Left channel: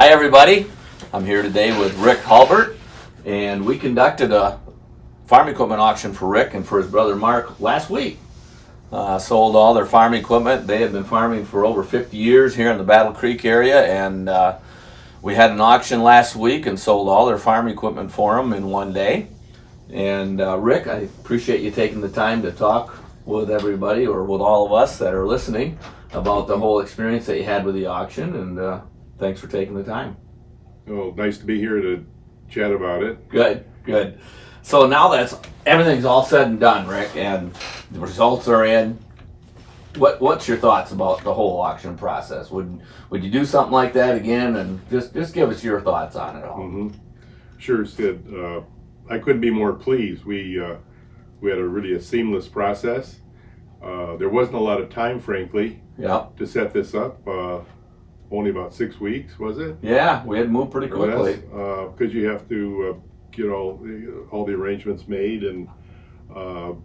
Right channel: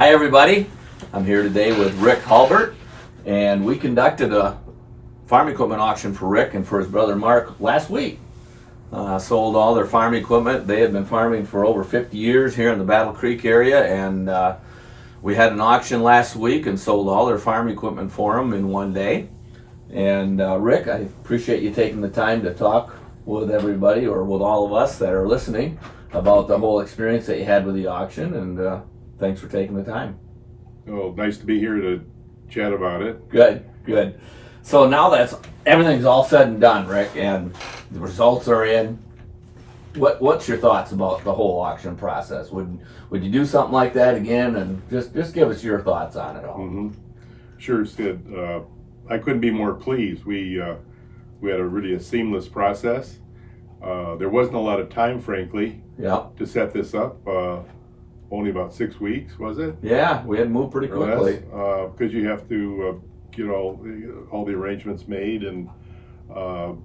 Hi everybody, I'm here today with Rick Halbert, and we conducted a farm equipment auction for Rick and for his brother Mark last week. Sold all their farm equipment. They had been farming for over 50 years here in the Battle Creek area, and we had an auction last week and sold all their farm equipment for them in one day. And Rick, I appreciate you taking the time to talk with everybody, or with all of us that are listening, about the whole experience that you had with the auction, and thanks for taking the time. Well, nice to be here to chat about it. Good. So now that's everything's all said and done, Rick, and the results are in. What's your thoughts about the whole auction process? Would you do something like that again? And just give us your thoughts on it all. Mm-hmm. Sure, Sid. I couldn't be more pleased. We had a seamless process. There wasn't a lot of time, frankly, to set this up. Only about 6 weeks, was it? Yeah, we had to move pretty quickly. Because you have to get all the arrangements made. And when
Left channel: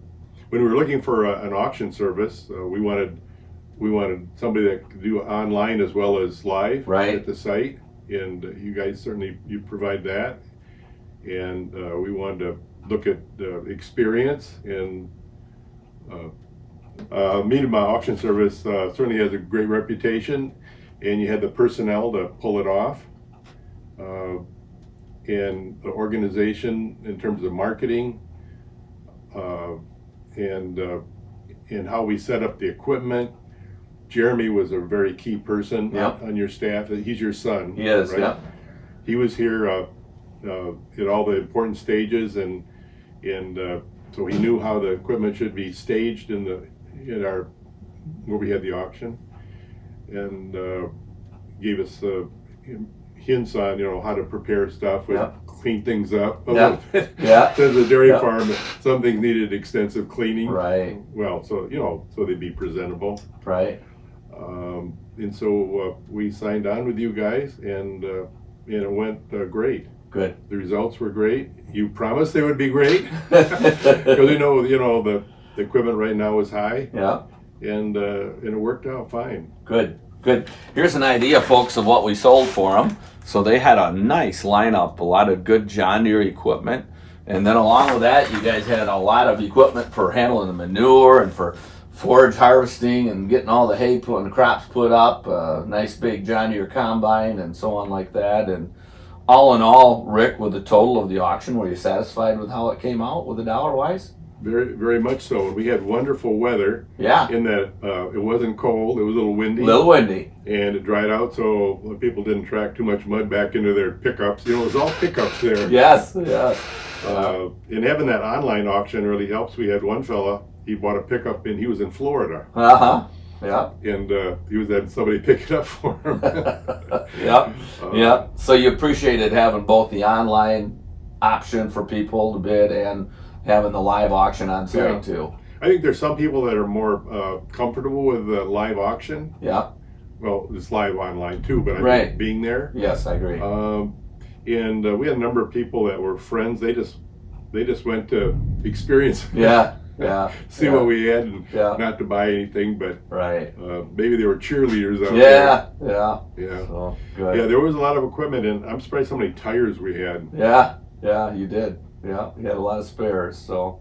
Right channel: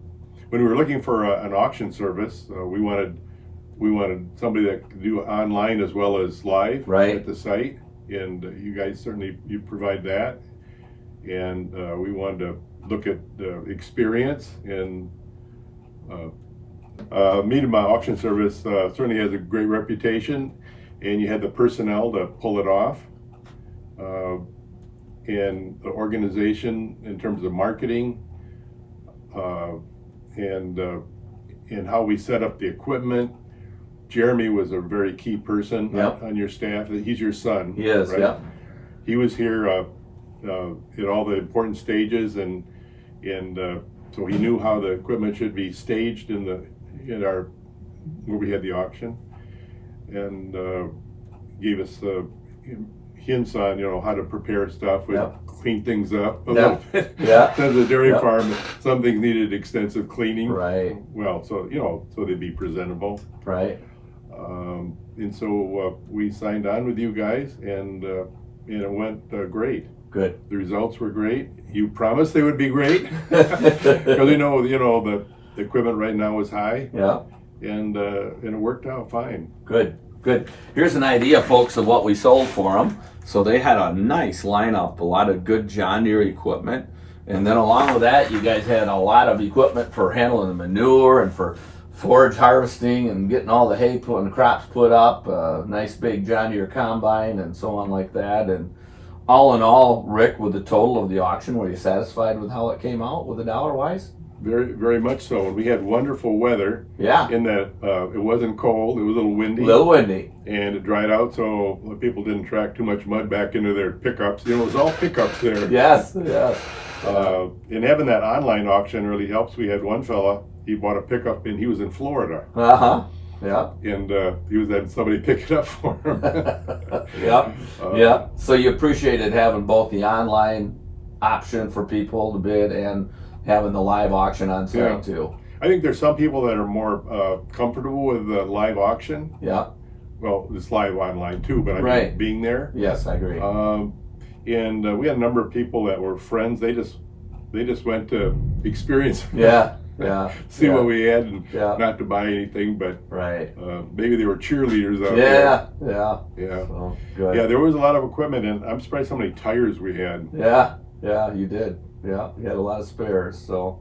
we were looking for an auction service, we wanted somebody that could do online as well as live at the site. And you guys certainly provide that. And we wanted to look at experience, and Miedema Auction Service certainly has a great reputation, and you had the personnel to pull it off, and the organization in terms of marketing, and how we set up the equipment. Jeremy was a very key person on your staff. He's your son. He is, right? Yep. He was here at all the important stages, and so he knew how the equipment should be staged where we had the auction, and gave us hints on how to prepare stuff, clean things up a little bit. To the dairy farm, some things needed extensive cleaning. Right. Well, so they'd be presentable. Right. And so we signed on with you guys, and it went great. Good. The results were great. You promised they would be great, because we know the equipment right now is high. Yeah. And it worked out fine. Good. Here's an idea, folks, of what we sold for them. So they had a nice lineup, a lot of good John Deere equipment, and then along with that, you guys had a lot of equipment for handling the manure and for forage harvesting and getting all the hay and the crops put up. Nice big John Deere combine and so on like that. And all in all, Rick, with the total of the auction, were you satisfied with how it came out with the dollar wise? Very, very much so. And we had wonderful weather. Yeah. In that it wasn't cold, it was a little windy. And it dried out, so people didn't track too much mud back into their pickups. It was all pickups there. Yes. And having that online auction really helps. We had one fella, he bought a pickup, and he was in Florida. Yeah. And he was had somebody pick it up for him. Yeah. So you appreciated having both the online option for people to bid and having the live auction on site too. I think there's some people that are more comfortable with the live auction. Yeah. Well, it's live online too, but I mean being there. Yes, I agree. And we had a number of people that were friends. They just went to experience. See what we had, and not to buy anything, but maybe they were cheerleaders out there. Yeah. So, good. Yeah, there was a lot of equipment, and I'm surprised how many tires we had. Yeah, you did. Yeah, you had a lot of spares. So,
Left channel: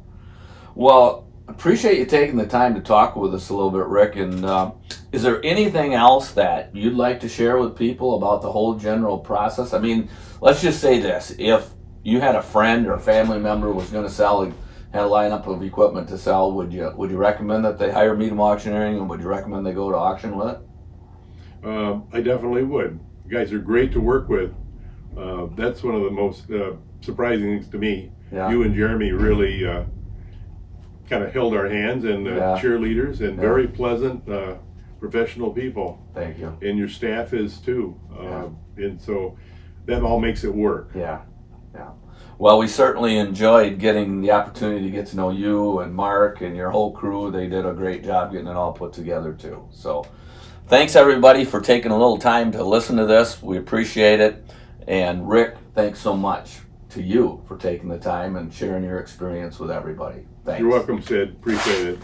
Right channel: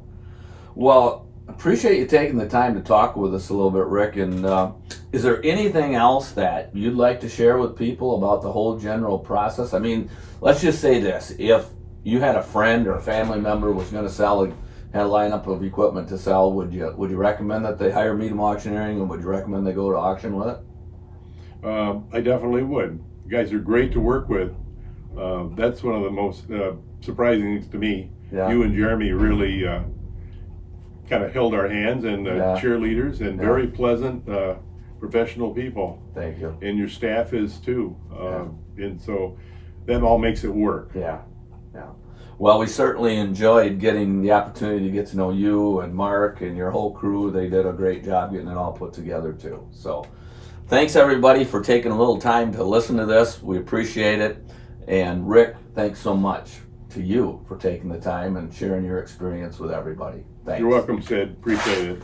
well, appreciate you taking the time to talk with us a little bit, Rick. And is there anything else that you'd like to share with people about the whole general process? I mean, let's just say this: if you had a friend or a family member was going to sell, had a lineup of equipment to sell, would you recommend that they hire Miedema Auctioneering, and would you recommend they go to auction with it? I definitely would. You guys are great to work with. That's one of the most surprising things to me. You and Jeremy really kind of held our hands, and cheerleaders, and very pleasant, professional people. Thank you. And your staff is too. And so that all makes it work. Yeah. Well, we certainly enjoyed getting the opportunity to get to know you and Mark and your whole crew. They did a great job getting it all put together too. So thanks everybody for taking a little time to listen to this. We appreciate it. And Rick, thanks so much to you for taking the time and sharing your experience with everybody. Thanks. You're welcome, Sid. Appreciate it.